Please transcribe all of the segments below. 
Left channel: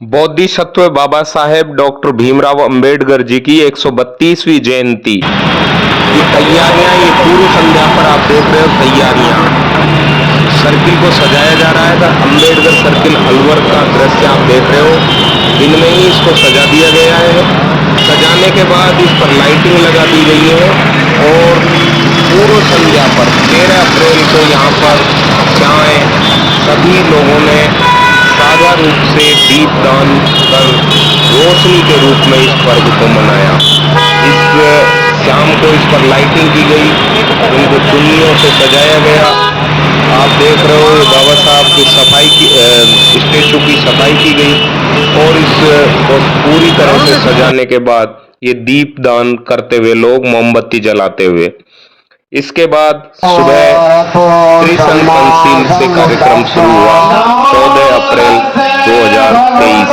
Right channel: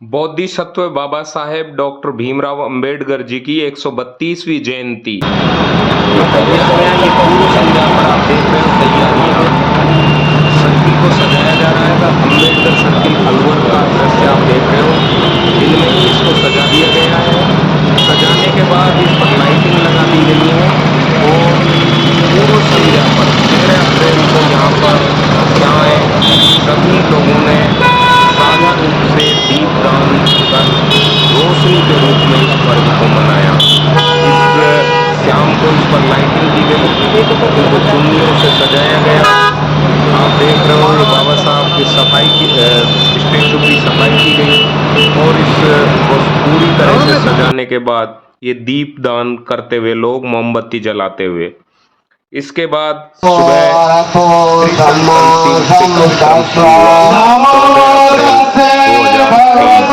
Bodhisattva Baba Saheb doctor Bhimrao Ambedkar ji की 132वीं जयंती की तैयारियां, ये पूर्व संध्या पर आप देख रहे हो तैयारियां। सर्किल को सजाया जा रहा है। अंबेडकर सर्किल अलवर का दृश्य आप देख रहे हो। इनमें ही इसको सजा दिया गया है। सजाने के बाद इस पर लाइटिंग लगा दी गई है और पूर्व संध्या पर 13 अप्रैल को यहाँ पर चाय सभी लोगों ने साझा रूप से दीपदान कर रोशनी के रूप में इस पर्व को मनाया। इस शाम को इस पर लाइटिंग की गई, इनको चुन्नियों से सजाया गया। आप देख रहे हो बाबा साहब की सफाई की, स्टेचू की सफाई की गई और इसको पूरी तरह से सजाने के बाद ये दीपदान करते हुए लोग मोमबत्ती जलाते हुए, इसके बाद सुबह त्रिशंकल से कार्यक्रम शुरू हुआ 14 अप्रैल 2023।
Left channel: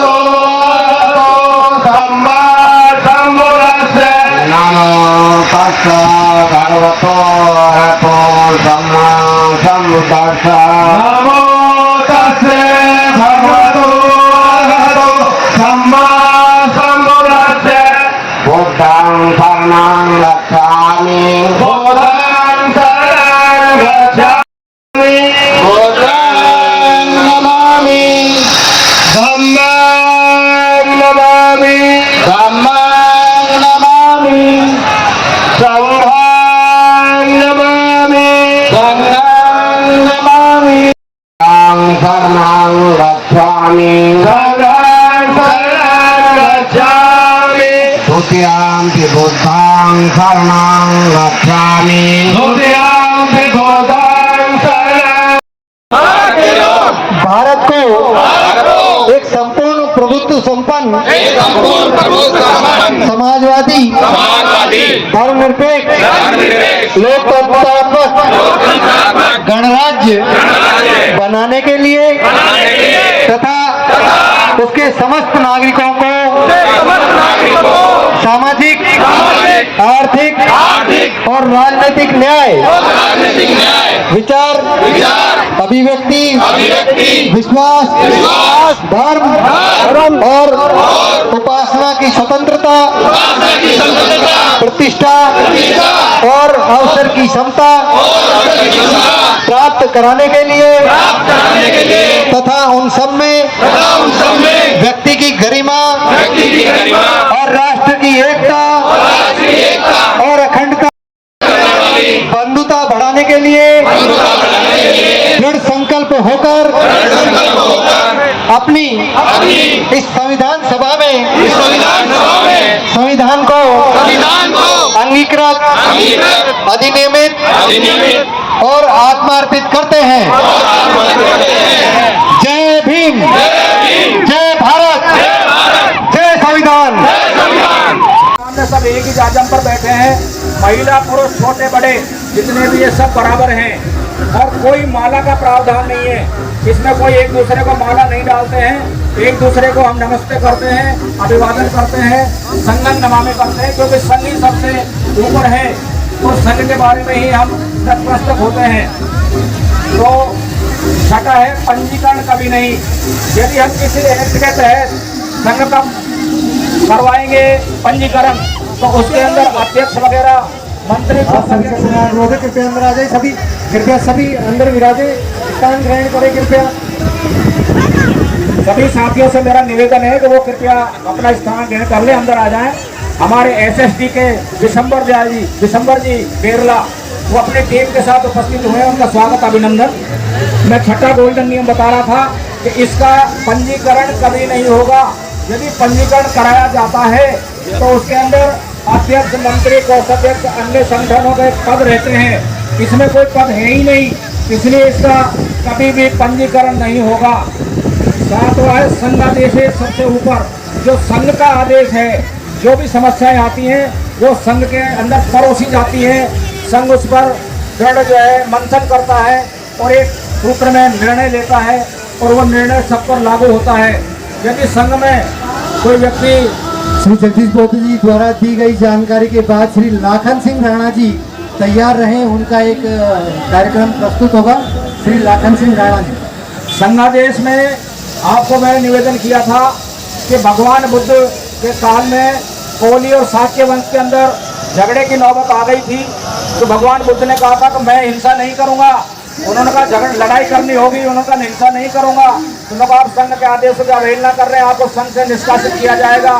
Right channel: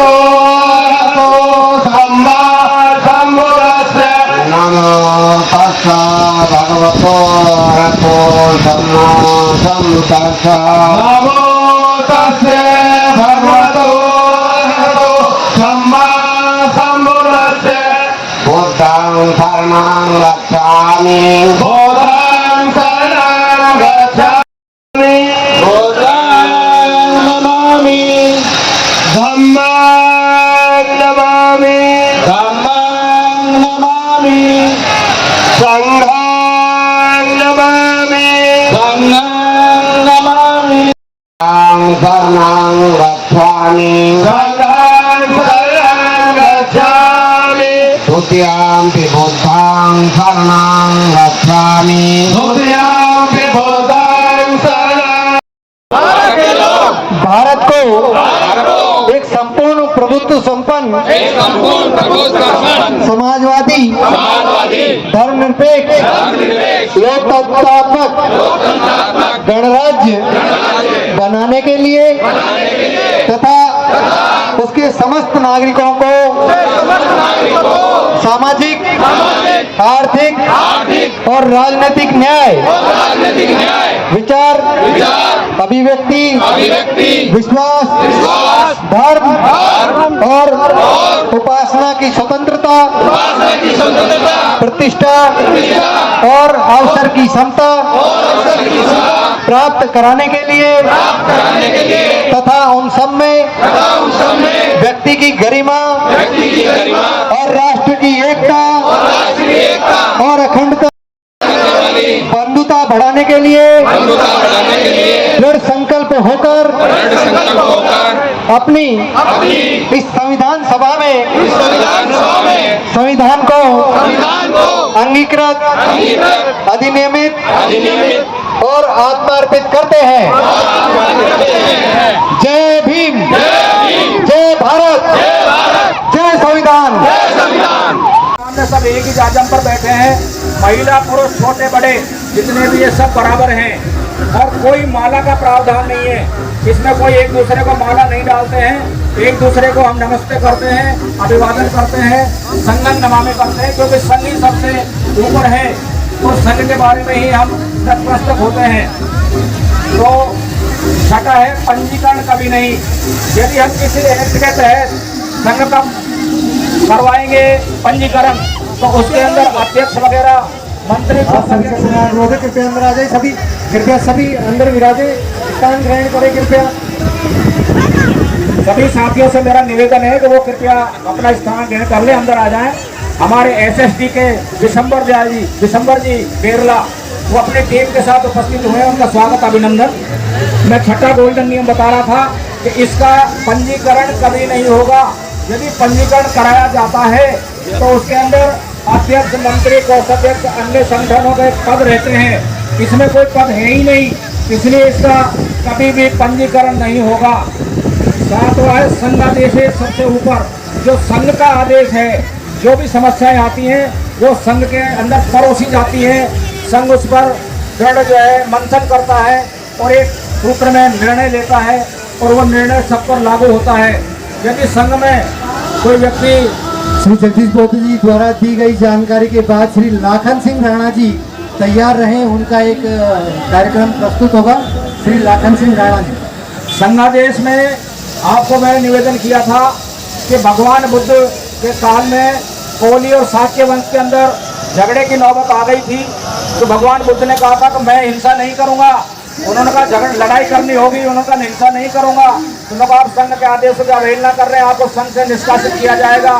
नमो तस्सा भगवतो अरहतो सम्मा सम्बुद्धास्सा। नमो तस्से भगवतो अरहतो सम्मा सम्बुद्धास्सा। बुद्धं शरणं गच्छामि। बुद्धं शरणं गच्छामि। बुद्धं नमामि। धम्मं नमामि। धम्मं नमामि। संघं नमामि। संघं नमामि। शरणं गच्छामि। शरणं गच्छामि। द्वितीयंपि बुद्धं शरणं गच्छामि। द्वितीयंपि बुद्धं शरणं। भारत को एक संपूर्ण प्रभुत्व संपन्न समाजवादी धर्मनिरपेक्ष लोकतंत्रात्मक गणराज्य बनाने के लिए तथा उसके समस्त नागरिकों को सामाजिक, आर्थिक और राजनीतिक न्याय, विचार, अभिव्यक्ति, विश्वास, धर्म और उपासना की स्वतंत्रता, प्रतिष्ठा और अवसर की समता प्राप्त कराने के लिए तथा उन सब में व्यक्ति की गरिमा और राष्ट्र की एकता और अखंडता बंधुता बढ़ाने के लिए दृढ़ संकल्प होकर अपनी इस संविधान सभा में संविधान को अंगीकृत, अधिनियमित और आत्मार्पित करते हैं। जय भीम, जय भारत, जय संविधान। हमने सब एक ही जाजम पर बैठे हैं। महिला पुरुष छोटे बड़े जितने भी ये सब बराबर हैं और कोई माला का प्रावधान नहीं है। इसमें कोई एक दूसरे को माला नहीं डालते हैं। एक दूसरे को हम नमस्ते करते हैं, अभिवादन करते हैं, संगम नमामि करते हैं, क्योंकि संघ ही सबसे ऊपर है। तो संघ के बारे में ही हम तत्प्रस्तुत होते हैं। तो छठा है पंजीकरण कभी नहीं। यदि हम किसी एक्ट के तहत संघ का करवाएंगे पंजीकरण तो उसके अंदर अध्यक्ष वगैरह मंत्री कृपया अंदर आ जाए। सभी कृपया सभी अंदर विराजे, स्थान ग्रहण करें। कृपया सभी साथियों से मेरा निवेदन है कि वो कृपया अपना स्थान ग्रहण कर ले, अंदर आ जाएं। हमारे एसएसडी के विशंबर जी केरला, वो अपने टीम के साथ उपस्थित हुए। उनका स्वागत, अभिनंदन। मैं छठा गोल्डन नियम बता रहा था कि इसका पंजीकरण कभी नहीं होगा। यदि पंजीकरण कराया जाता है तो उसके अंदर अध्यक्ष, मंत्री, कोषाध्यक्ष, अन्य संगठनों के पद रहते हैं। इसमें कोई पद है ही नहीं, इसलिए इसका कभी भी पंजीकरण नहीं होगा। सातवां है संघादेश सबसे ऊपर। जो संघ का आदेश है, जो भी समस्याएं आती हैं वो संघ के अंदर परोसी जाती हैं। संघ उस पर दृढ़ जो है मंथन करता है और एक सूत्र में निर्णय लेता है और वो निर्णय सब पर लागू होता है। यदि संघ में कोई व्यक्ति श्री जगदीश बौद्ध जी द्वारा दी गई जानकारी के बाद श्री लाखन सिंह राणा जी तैयार रहे, उनका एक कार्यक्रम प्रस्तुत होगा। श्री लाखन सिंह राणा जी। संघादेश में आपको मैंने निवेदन किया था कि भगवान बुद्ध के काल में कोली और शाक्य वंश के अंदर झगड़े की नौबत आ गई थी, तो भगवान बुद्ध ने कहा था कि मैं हिंसा नहीं करूंगा। उन्होंने कहा झगड़ लड़ाई करनी होगी, उन्होंने कहा हिंसा नहीं करूंगा। उन्होंने कहा आप संघ के आदेशों की अवहेलना कर रहे हैं, आपको संघ से निष्कासित किया जाएगा।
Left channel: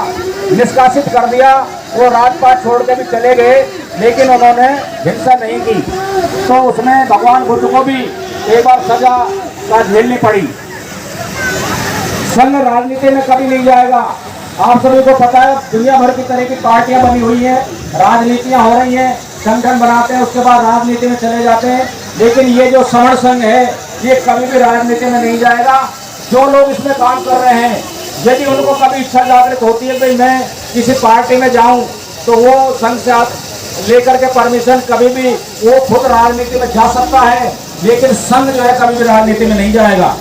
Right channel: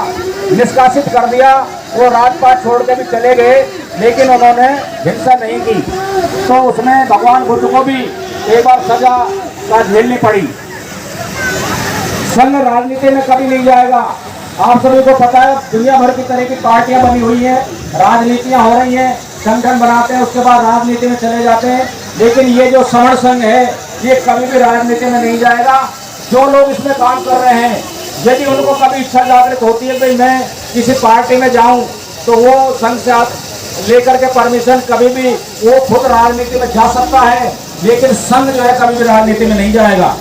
निष्कासित कर दिया। वो राजपाट छोड़ के भी चले गए, लेकिन उन्होंने हिंसा नहीं की। तो उसमें भगवान बुद्ध को भी एक बार सजा का झेलनी पड़ी। संघ राजनीति में कभी नहीं जाएगा। आप सभी को पता है दुनिया भर की तरह की पार्टियां बनी हुई हैं, राजनीतियां हो रही हैं, संगठन बनाते हैं, उसके बाद राजनीति में चले जाते हैं। लेकिन ये जो समण संघ है ये कभी भी राजनीति में नहीं जाएगा। जो लोग इसमें काम कर रहे हैं, यदि उनको कभी इच्छा जागृत होती है कि मैं किसी पार्टी में जाऊं, तो वो संघ से लेकर के परमिशन कभी भी वो खुद राजनीति में जा सकता है, लेकिन संघ जो है कभी भी राजनीति में नहीं जाएगा।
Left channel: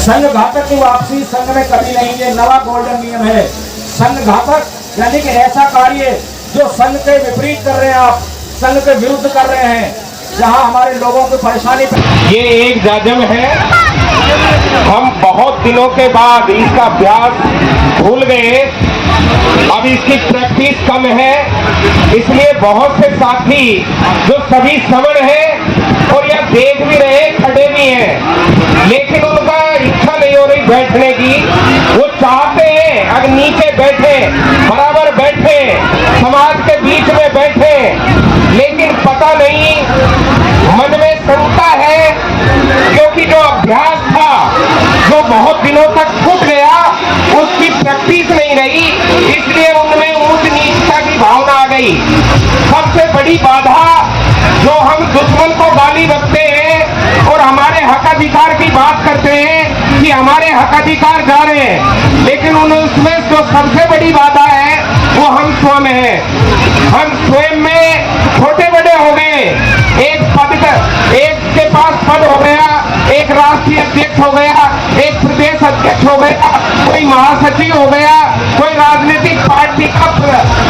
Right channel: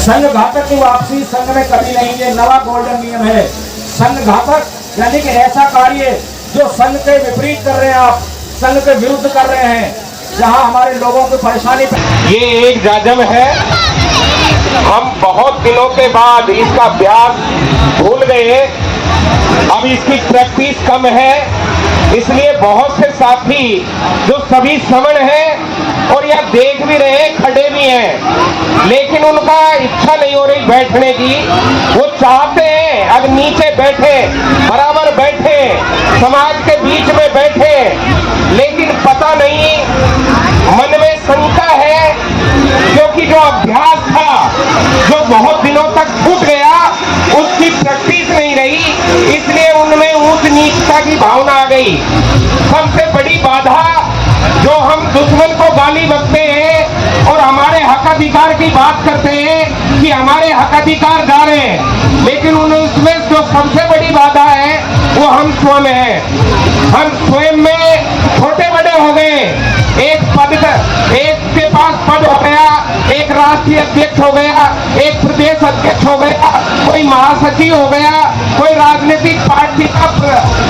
संघ घातक की वापसी संघ में कभी नहीं, ये नवा गोल्डन नियम है। संघ घातक यानी कि ऐसा कार्य जो संघ के विपरीत कर रहे हैं, आप संघ के विरुद्ध कर रहे हैं, जहां हमारे लोगों को परेशानी। ये एक जाजम है। हम बहुत दिनों के बाद इसका अभ्यास भूल गए, अब इसकी प्रैक्टिस कम है, इसलिए बहुत से साथी जो सभी समण हैं और यह देख भी रहे खड़े भी हैं, लेकिन उनका इच्छा नहीं हो रही बैठने की। वो चाहते हैं अगर नीचे बैठे, बराबर बैठे, समाज के बीच में बैठे, लेकिन पता नहीं मन में शंका है, क्योंकि जो अभ्यास था जो बहुत दिनों तक छूट गया उसकी प्रैक्टिस नहीं रही, इसलिए उनमें ऊंच नीचता की भावना आ गई। सबसे बड़ी बाधा जो हम दुश्मन को गाली बकते हैं और हमारे हक अधिकार की बात करते हैं कि हमारे हक अधिकार जा रहे हैं, लेकिन उन्हें उसमें जो सबसे बड़ी बाधा है वो हम स्वयं हैं। हम स्वयं में छोटे बड़े हो गए। एक पद का, एक के पास पद हो गया, एक राष्ट्रीय अध्यक्ष हो गया, एक प्रदेश अध्यक्ष हो गया, कोई महासचिव हो गया, कोई राजनीतिक पार्टी का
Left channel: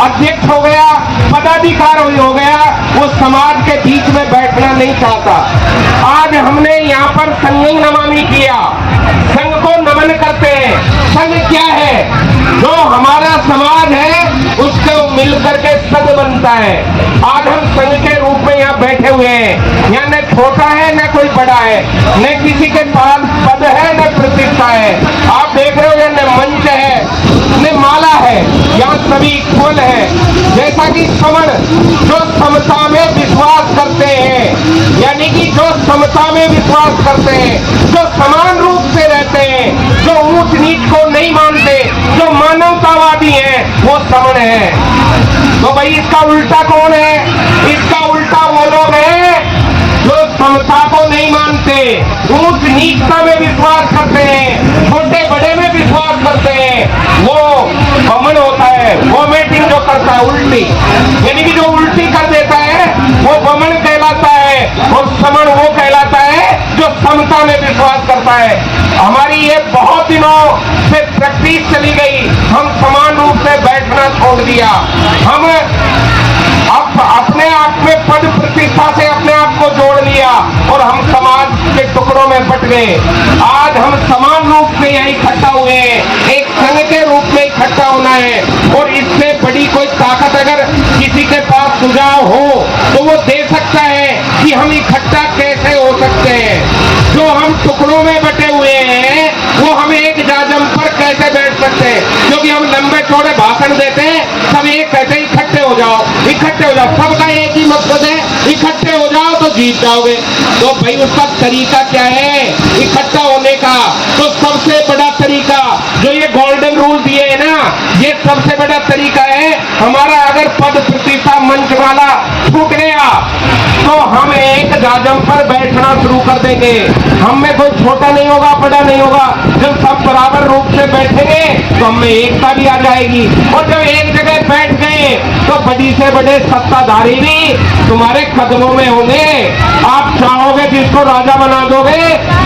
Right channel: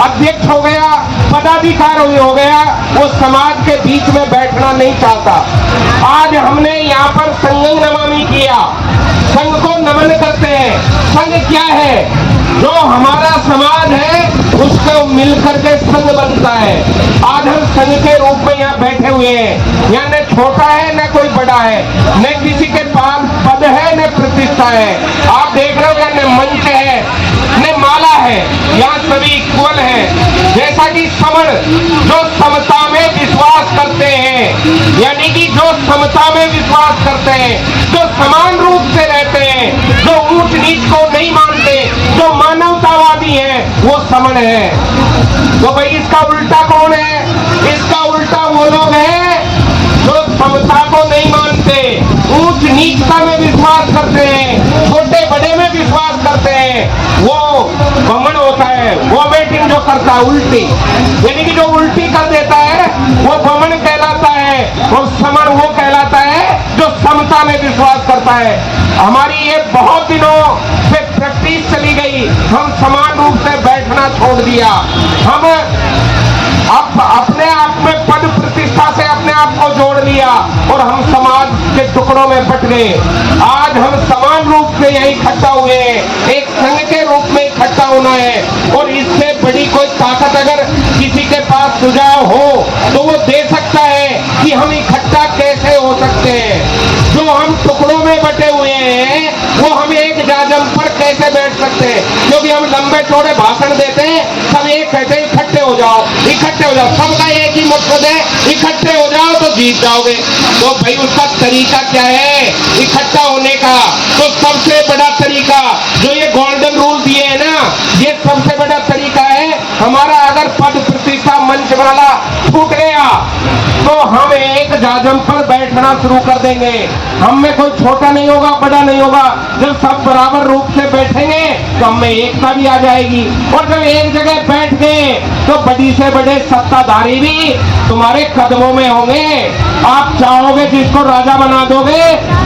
अध्यक्ष हो गया, पदाधिकारी हो गया, वो समाज के बीच में बैठना नहीं चाहता। आज हमने यहाँ पर संघ नमामि किया, संघ को नमन करते हैं। संघ क्या है? जो हमारा समाज है उसको मिलकर के संघ बनता है। आज हम संघ के रूप में यहाँ बैठे हुए हैं। यहाँ न छोटा है न कोई बड़ा है, न किसी के पास पद है न प्रतिष्ठा है। आप देख रहे हो न मंच है न माला है, यहाँ सभी इक्वल है। जैसा कि समण जो समता में विश्वास करते हैं, यानी कि जो समता में विश्वास करते हैं, जो समान रूप से रहते हैं, जो ऊंच नीच को नहीं मानते, जो मानवतावादी हैं, वो समण है। तो भाई इसका उल्टा कौन है? इसका उल्टा वो लोग हैं जो समता को नहीं मानते, ऊंच नीचता में विश्वास करते हैं, छोटे बड़े में विश्वास करते हैं। वो घमंड होता है, वो मीटिंग जो करता है उल्टी, यानी कि जो उल्टी कर देता है वो घमंड कहलाता है, और समण वो कहलाता है जो समता में विश्वास करता है। हमारी ये बहुत दिनों से प्रैक्टिस चली गई, हम समान रूप से बैठना छोड़ दिया। हम अब अपने आप में पद प्रतिष्ठा से अपने आप को जोड़ लिया और हम समाज के टुकड़ों में बट गए। आज हम समान रूप से यही इकट्ठा हुए हैं, एक संघ के रूप में इकट्ठा होना है। और इससे बड़ी कोई ताकत अगर किसी के पास सुझाव हो तो वो दे सकता है कि हम इकट्ठा कैसे हो सकते हैं। जो हम टुकड़ों में बटे हुए हैं वो हम एक जाजम पर कैसे बैठ सकते हैं, क्योंकि हम लंबे चौड़े भाषण देते हैं, सब एक कहते हैं इकट्ठे हो जाओ, इकट्ठे हो जाओ, सबका एक ही मकसद है इकट्ठे हो जाओ तो जीत जाओगे। तो भाई उसका तरीका क्या है इकट्ठा होने का? तो सबसे बड़ा तरीका जो ये गोल्डन रूल दिए है ना, ये सबसे बड़ा तरीका है हमारा। अगर पद प्रतिष्ठा मंच वाला छूट गया तो हम एक जाजम पर बैठना शुरू कर देंगे। हम में कोई छोटा नहीं होगा, बड़ा नहीं होगा। जब सब बराबर रूप से बैठेंगे तो हमें एकता भी आ जाएगी। और जब एक जगह बैठ गए तो बड़ी से बड़े सत्ताधारी भी तुम्हारे कदमों में होंगे। आप चाहोगे जिसको राजा बना दोगे,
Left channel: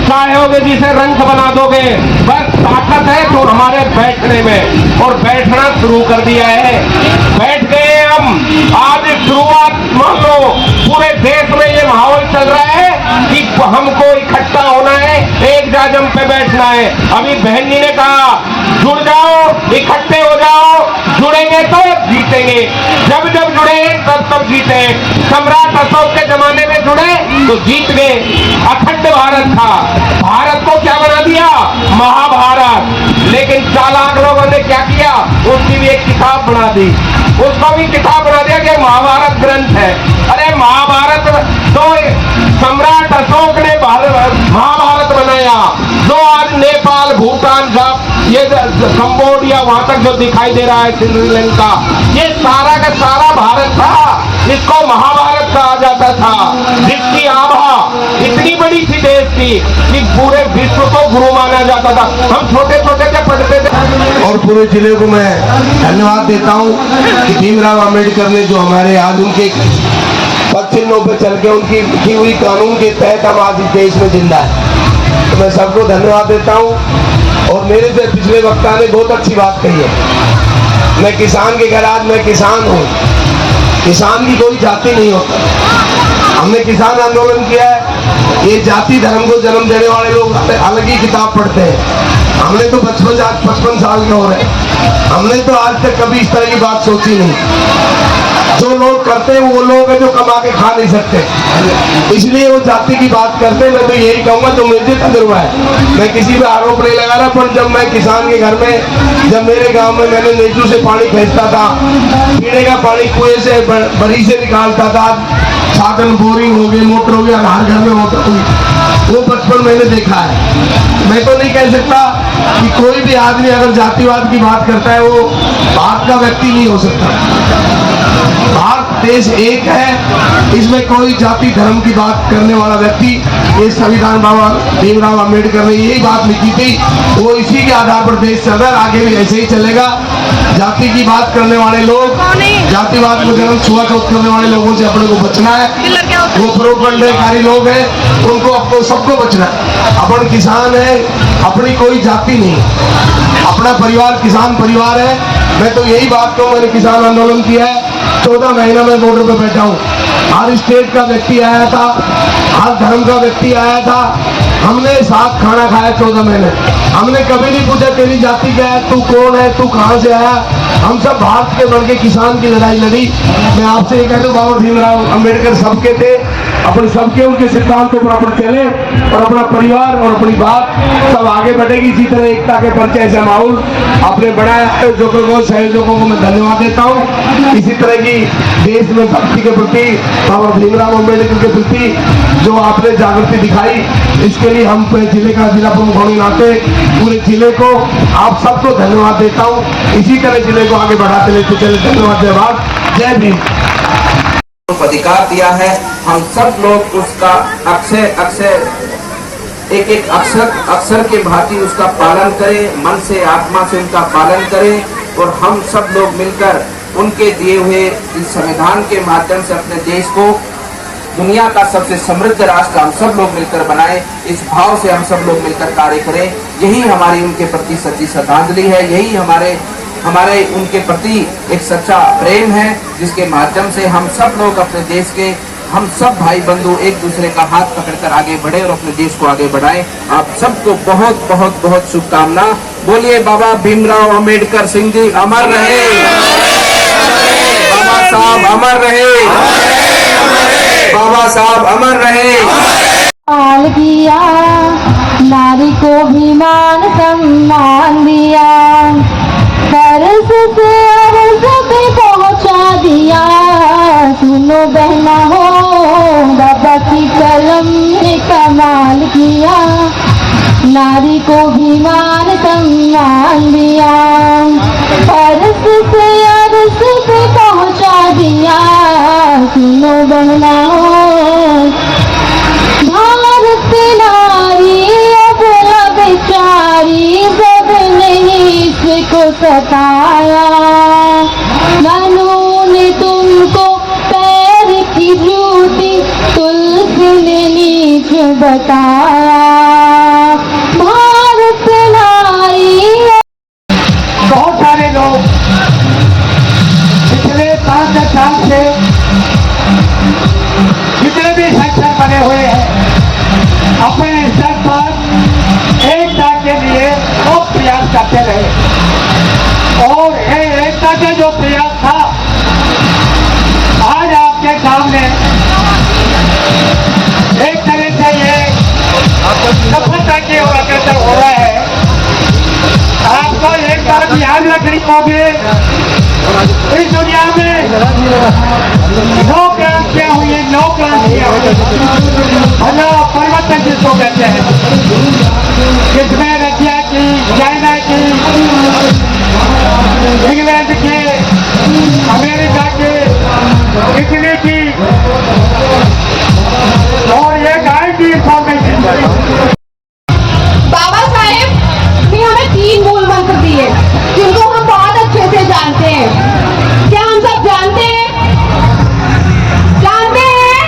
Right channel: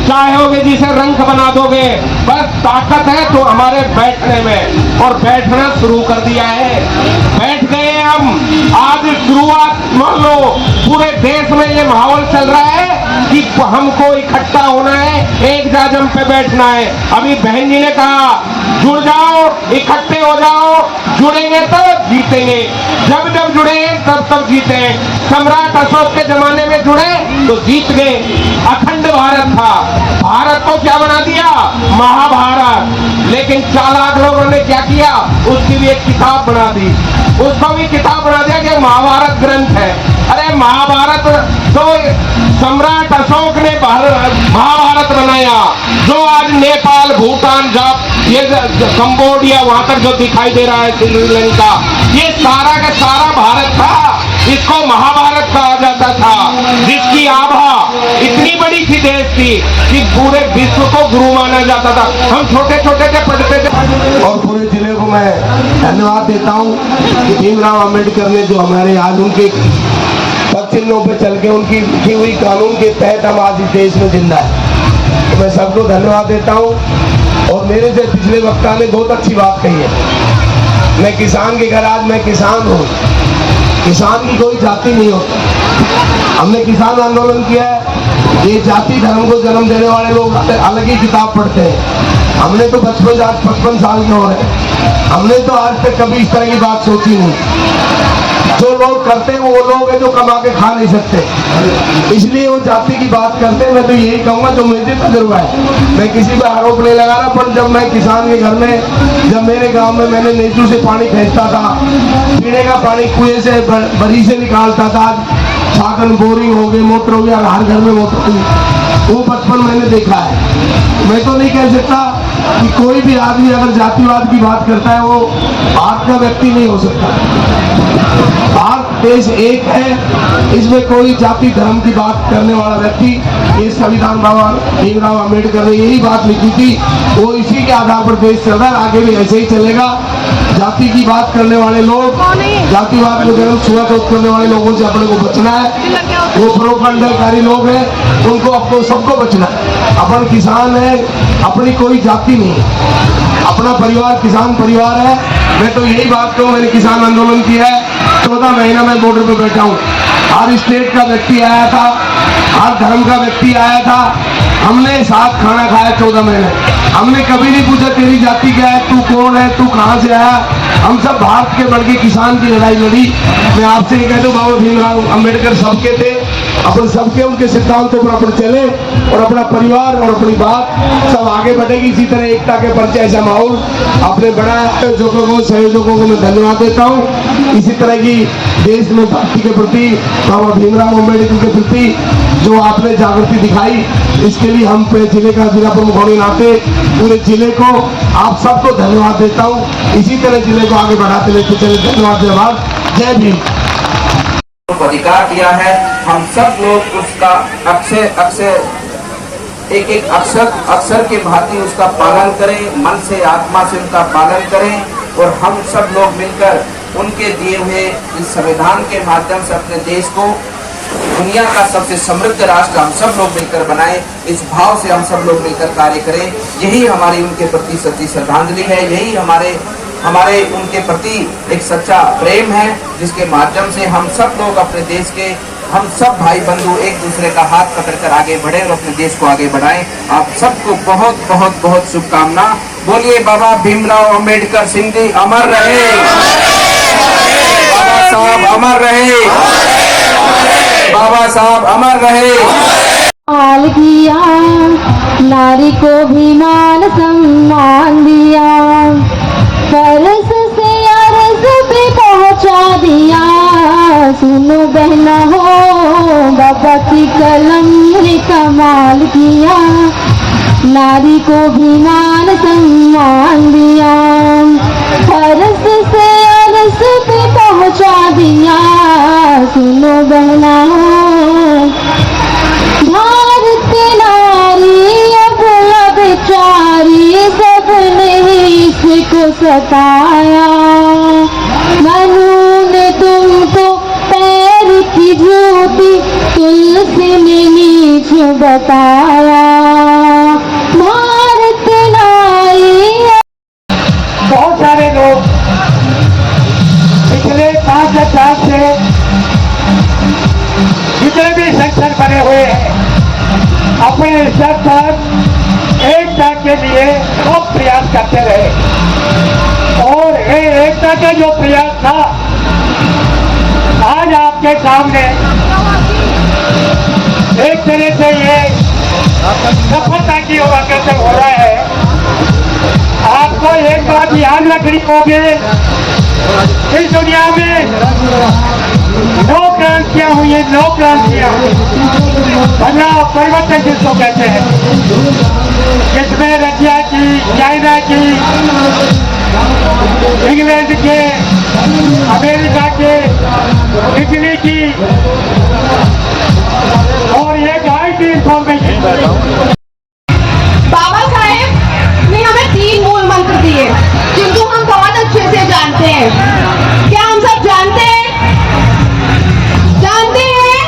चाहोगे जिसे रंग बना दोगे। बस ताकत है तो हमारे बैठने में, और बैठना शुरू कर दिया है। बैठ गए हम। आज शुरुआत मान लो पूरे देश में ये माहौल चल रहा है कि हमको इकट्ठा होना है, एक जाजम पे बैठना है। अभी बहन जी ने कहा जुड़ जाओ, इकट्ठे हो जाओ, जुड़ेंगे तो जीतेंगे, जब जब जुड़े तब तब जीते। सम्राट अशोक के जमाने में जुड़े तो जीत गए, अखंड भारत था। भारत को क्या बना दिया? महाभारत। लेकिन चालाक लोगों ने क्या किया? उसकी भी एक किताब बना दी, उसको भी किताब बना दिया कि महाभारत ग्रंथ है। अरे महाभारत तो सम्राट अशोक ने महाभारत बनाया, जो आज नेपाल, भूटान, ये कंबोडिया वहां तक जो दिखाई दे रहा है, श्रीलंका, ये सारा का सारा भारत था। इसको महाभारत कहा जाता था, जिसकी आभा इतनी बड़ी थी देश की कि पूरे विश्व को गुरु माना जाता था। हम छोटे छोटे थे, पढ़ते थे। और पूरे जिले को मैं धन्यवाद देता हूँ कि भीमराव अंबेडकर ने जो हमारे आज उनके पक्षियों पे चल के उनकी लिखी हुई कानून के तहत हम आज इस देश में जिंदा है, तो मैं सबको धन्यवाद देता हूँ। और मेरे से पिछले वक्ता ने बहुत अच्छी बात कही है। मैं किसान के घर, आज मैं किसान हूँ। किसान की कोई जाति नहीं होता। हमने किसान आंदोलन किया है। ये जाति धर्म को जन्म देने वाले लोग अलग ही किताब पढ़ते हैं। हमने तो 55 साल के हो रहे, हमने तो आज तक कभी इस तरह की बात सोची नहीं। जो लोग करते हैं वो लोग हैं जो कमा के खा नहीं सकते, इसलिए वो जाति की बात करते हैं। मैं तो यही कहूँगा, तो मुझे तजुर्बा है, मैं किसी पे आरोप नहीं लगा रहा, पर जब मैं किसान के घर में, जब मेरे गांव में मैंने नीचू से पानी खींचता था, पीने का पानी कुएं से बड़ी से निकालता था, साधन बोरिंग हो गई, मोटर हो गया, हर घर में मोटर हुई, वो बचपन मैंने देखा है। मैं तो नहीं कह सकता कि कोई भी आदमी अगर जातिवाद की बात करता है वो भारत का व्यक्ति नहीं हो सकता। भारत देश एक है, इसमें कोई जाति धर्म की बात करने वाला व्यक्ति, ये संविधान बाबा भीमराव अंबेडकर ने यही बात लिखी थी, वो इसी के आधार पर देश चल रहा है, आगे भी ऐसे ही चलेगा। जाति की बात करने वाले लोग, जातिवाद को जन्म छुआछूत करने वाले लोगों से अपने को बचना है। वो प्रोपगंडाकारी लोग हैं, उनको अपने सबको बचना है। अपन किसान है, अपनी कोई जाति नहीं, अपना परिवार किसान परिवार है। मैं तो यही बात कहूँ, मैंने किसान आंदोलन किया है, 14 महीना में बॉर्डर पे बैठा हूँ। हर स्टेट का व्यक्ति आया था, हर धर्म का व्यक्ति आया था, हमने साथ खाना खाया 14 महीने। हमने कभी नहीं पूछा तेरी जाति क्या है, तू कौन है, तू कहाँ से आया। हम सब भारत के बढ़ के किसान की लड़ाई लड़ी। मैं आपसे ये कहता हूँ, बाबा भीमराव अंबेडकर सबके थे, अपने सबके उनके सिद्धांतों पर अपन चले और अपना परिवार और अपनी बात सब आगे बढ़ेगी। इसी तरह एकता के परिचय से माहौल आपने बढ़ाया है, जो सहयोगों को मैं धन्यवाद देता हूँ। इसी तरह की देश में भक्ति के प्रति, बाबा भीमराव अंबेडकर के प्रति जो आपने जागृति दिखाई, इसके लिए हम जिले का जिला प्रमुख होने नाते पूरे जिले को आप सबको धन्यवाद देता हूँ। इसी तरह जिले को आगे बढ़ाते लेते चले। धन्यवाद। जय भीम। अधिकार दिया है, हम सब लोग उसका अक्षर एक अक्षर के भांति उसका पालन करें, मन से आत्मा से उनका पालन करें और हम सब लोग मिलकर उनके दिए हुए इस संविधान के माध्यम से अपने देश को दुनिया का सबसे समृद्ध राष्ट्र हम सब लोग मिलकर बनाएं। इस भाव से हम सब लोग मिलकर कार्य करें। यही हमारी उनके प्रति सच्ची श्रद्धांजलि है, यही हमारे उनके प्रति एक सच्चा प्रेम है, जिसके माध्यम से हम सब लोग अपने देश के, हम सब भाई बंधु एक दूसरे का हाथ पकड़कर आगे बढ़े और अपने देश को आगे बढ़ाएं। आप सबको बहुत बहुत बहुत शुभकामना। बोलिए बाबा भीमराव अंबेडकर सिंह जी अमर रहे, बाबा साहब अमर रहे, बाबा साहब अमर रहे। किया नारी को भी मान सम्मान दिया, फर्ज से अर्ज पे पहुंचा दिया। सुनो बहना हो, बाबा की कलम ने कमाल किया, नारी को भी मान सम्मान दिया, फर्ज से अर्ज पे पहुंचा दिया। सुनो बहना हो, को सताया, मनु ने तुमको पैर की जूती, तुलसी ने नीच बताया। भारत नारी बहुत सारे लोग पिछले 5-10 साल से जितने भी सेक्शन बने हुए हैं, अपने स्तर पर एकता के लिए बहुत प्रयास करते रहे। याद रखनी होगी, इस दुनिया में 9 क्रांतियां हुई हैं, 9 क्रांतियां। बड़ा परिवर्तन जिसको कहते हैं, जिसमें रशिया की, चाइना की, इंग्लैंड के, अमेरिका के, इटली की और ये गाय की इंफॉर्मेशन। बाबा साहेब ने हमें 3 मूल मंत्र दिए जिनको हम बहुत अच्छे से जानते हैं। क्या हम सब जानते हैं? जानते हैं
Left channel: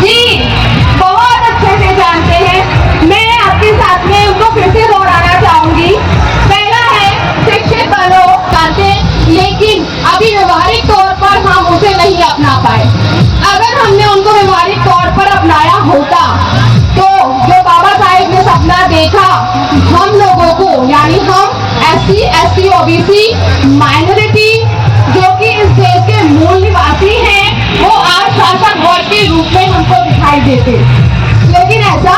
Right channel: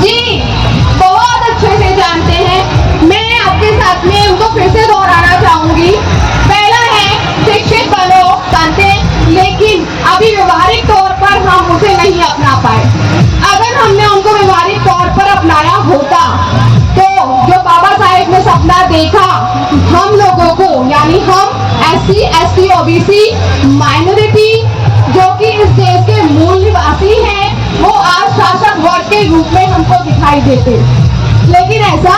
जी, बहुत अच्छे से जानते हैं। मैं आपके साथ में उनको फिर से दोहराना चाहूंगी। पहला है शिक्षित बनो, जानते हैं, लेकिन अभी व्यवहारिक तौर पर हम उसे नहीं अपना पाए। अगर हमने उनको व्यवहारिक तौर पर अपनाया होता तो जो बाबा साहेब ने सपना देखा, हम लोगों को यानी हम SC, ST, OBC माइनॉरिटी जो कि इस देश के मूल निवासी हैं, वो आज शासक वर्ग के रूप में हमको दिखाई देते, लेकिन ऐसा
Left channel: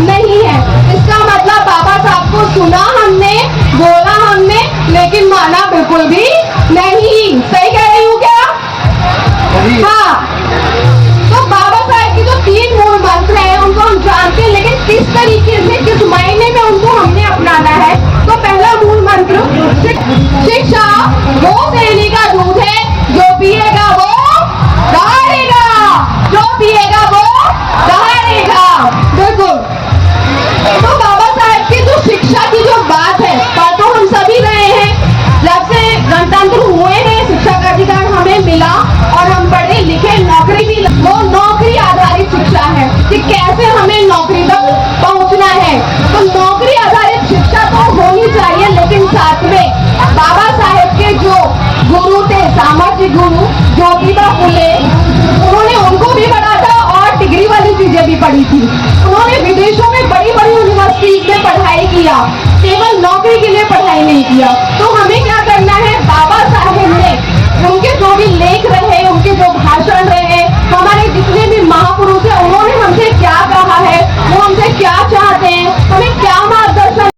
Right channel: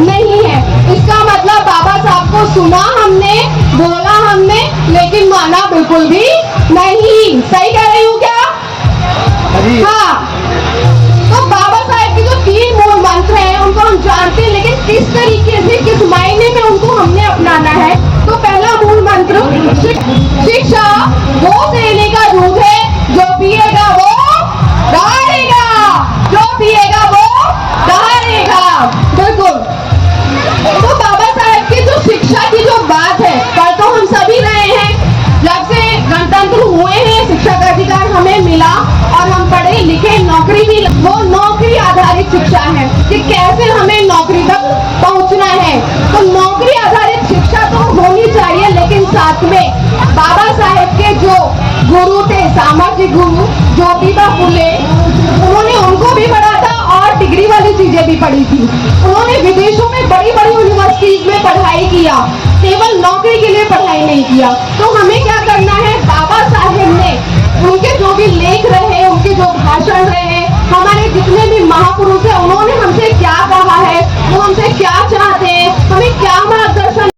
नहीं है। इसका मतलब बाबा साहब को सुना हमने, बोला हमने, लेकिन माना बिल्कुल भी नहीं। सही कह रही हूँ क्या? हाँ। तो बाबा साहेब के जो 3 मूल मंत्र हैं उनको हम जानते हैं, लेकिन किस तरीके से, किस मायने में उनको हमने अपनाना है। तो पहला मूल मंत्र शिक्षा वो देने का दूध है, जो पिएगा वो दहाड़ेगा, जो पिएगा वो दहाड़ेगा। बिल्कुल। तो बाबा साहेब की जो शिक्षा की जो बात है, पर तो हम सभी रहे हैं, जब से गणतंत्र हुए हैं शिक्षा का अधिकार हमें मिला और हम पढ़े लिखे, नौकरी भी, वो नौकरी आधारित शिक्षा है कि कैसे हमें नौकरी तक पहुंचना है। तो नौकरी आधारित शिक्षा तो होनी चाहिए, लेकिन साथ में बाबा साहेब के जो गुरु थे, सामाजिक गुरु ज्योतिबा फुले, उन्होंने उनको भी पढ़ा था और डिग्री वाली चीजें भी पढ़ी थी। उन्होंने विदेशों में बड़ी बड़ी यूनिवर्सिटीज में पढ़ाई किया, केवल नौकरी के लिए पढ़ाई नहीं किया। तो हमें क्या करना है? बाबा साहेब ने उनके जो भी लेख रहे, उनके जो भाषण रहे, हमारे जितने भी महापुरुष हैं, उन्होंने हमसे क्या कहा है, वो हमसे क्या चाहते हैं, हमें क्या मार्गदर्शन।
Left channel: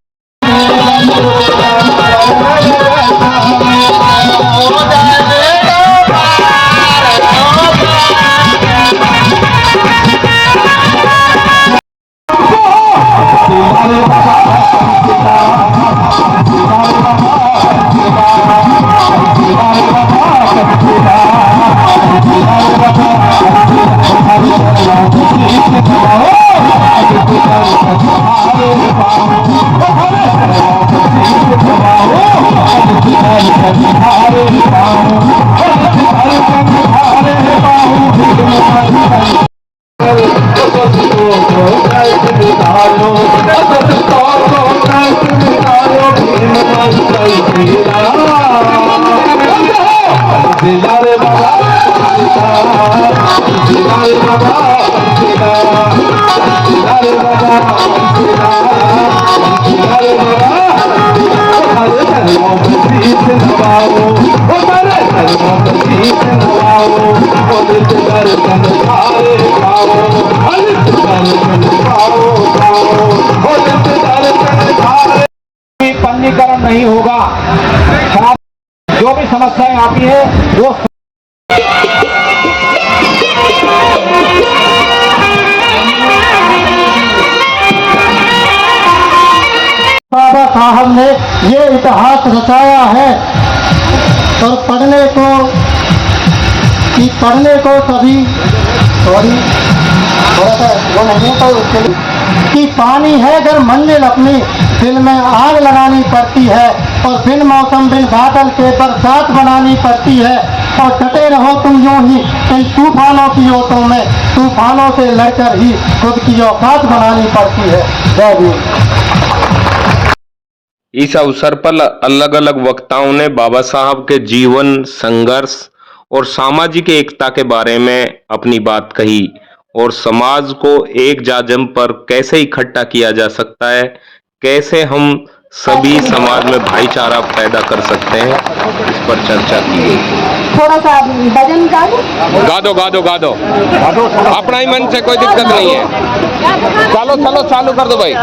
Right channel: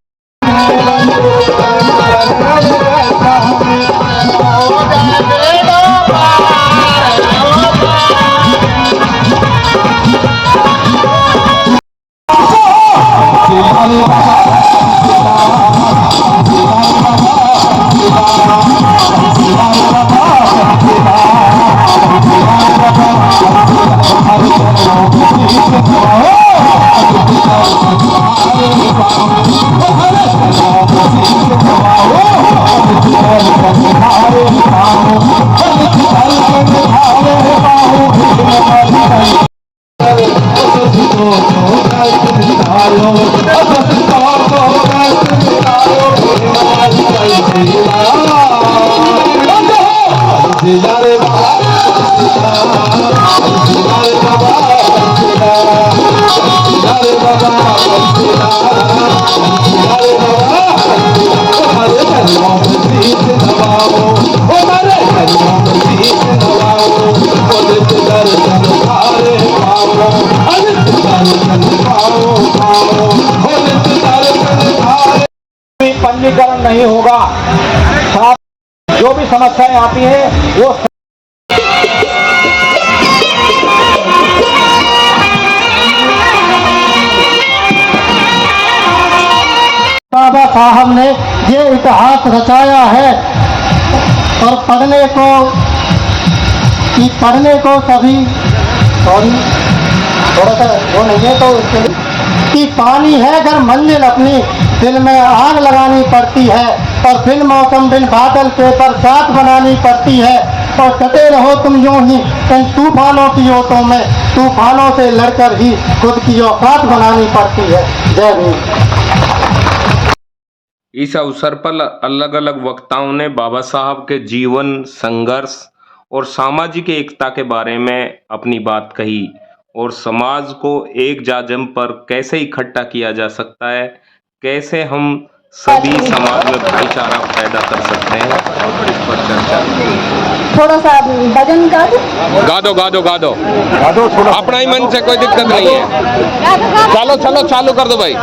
पंजीकरण नहीं होगा, जो भी समस्याएं आती है वो बाबा साहब ने ये इतिहास रचाया है। और पढ़ने को कभी थोड़ा सा वो नहीं है तो कि पानी है अगर मंजिल अपनी, दिल में आग लगानी पड़ती है, और फिर मौसम बिन बादल के बरसात बनानी पड़ती है। और डटे रहो तुम यूं ही कई तूफानों की ओटों में, तूफानों से लड़कर ही खुद की औकात बनानी पड़ती है। जय हिंद। इस अवसर पर अलग अलग वक्ताओं ने बाबा साहब के जीवन, संघर्ष और सामाजिक एकता के बारे में अपनी बात कही और समाज को एक जाजम पर कैसे इकट्ठा किया जा सकता है, कैसे हम सभी समाज में भाईचारा पैदा कर सकते हैं, इस पर चर्चा की गई। थोड़ा सा भजन कर गा दो अपना ही मन से, कोई दिक्कत नहीं है। चलो चालू कर दो भाई।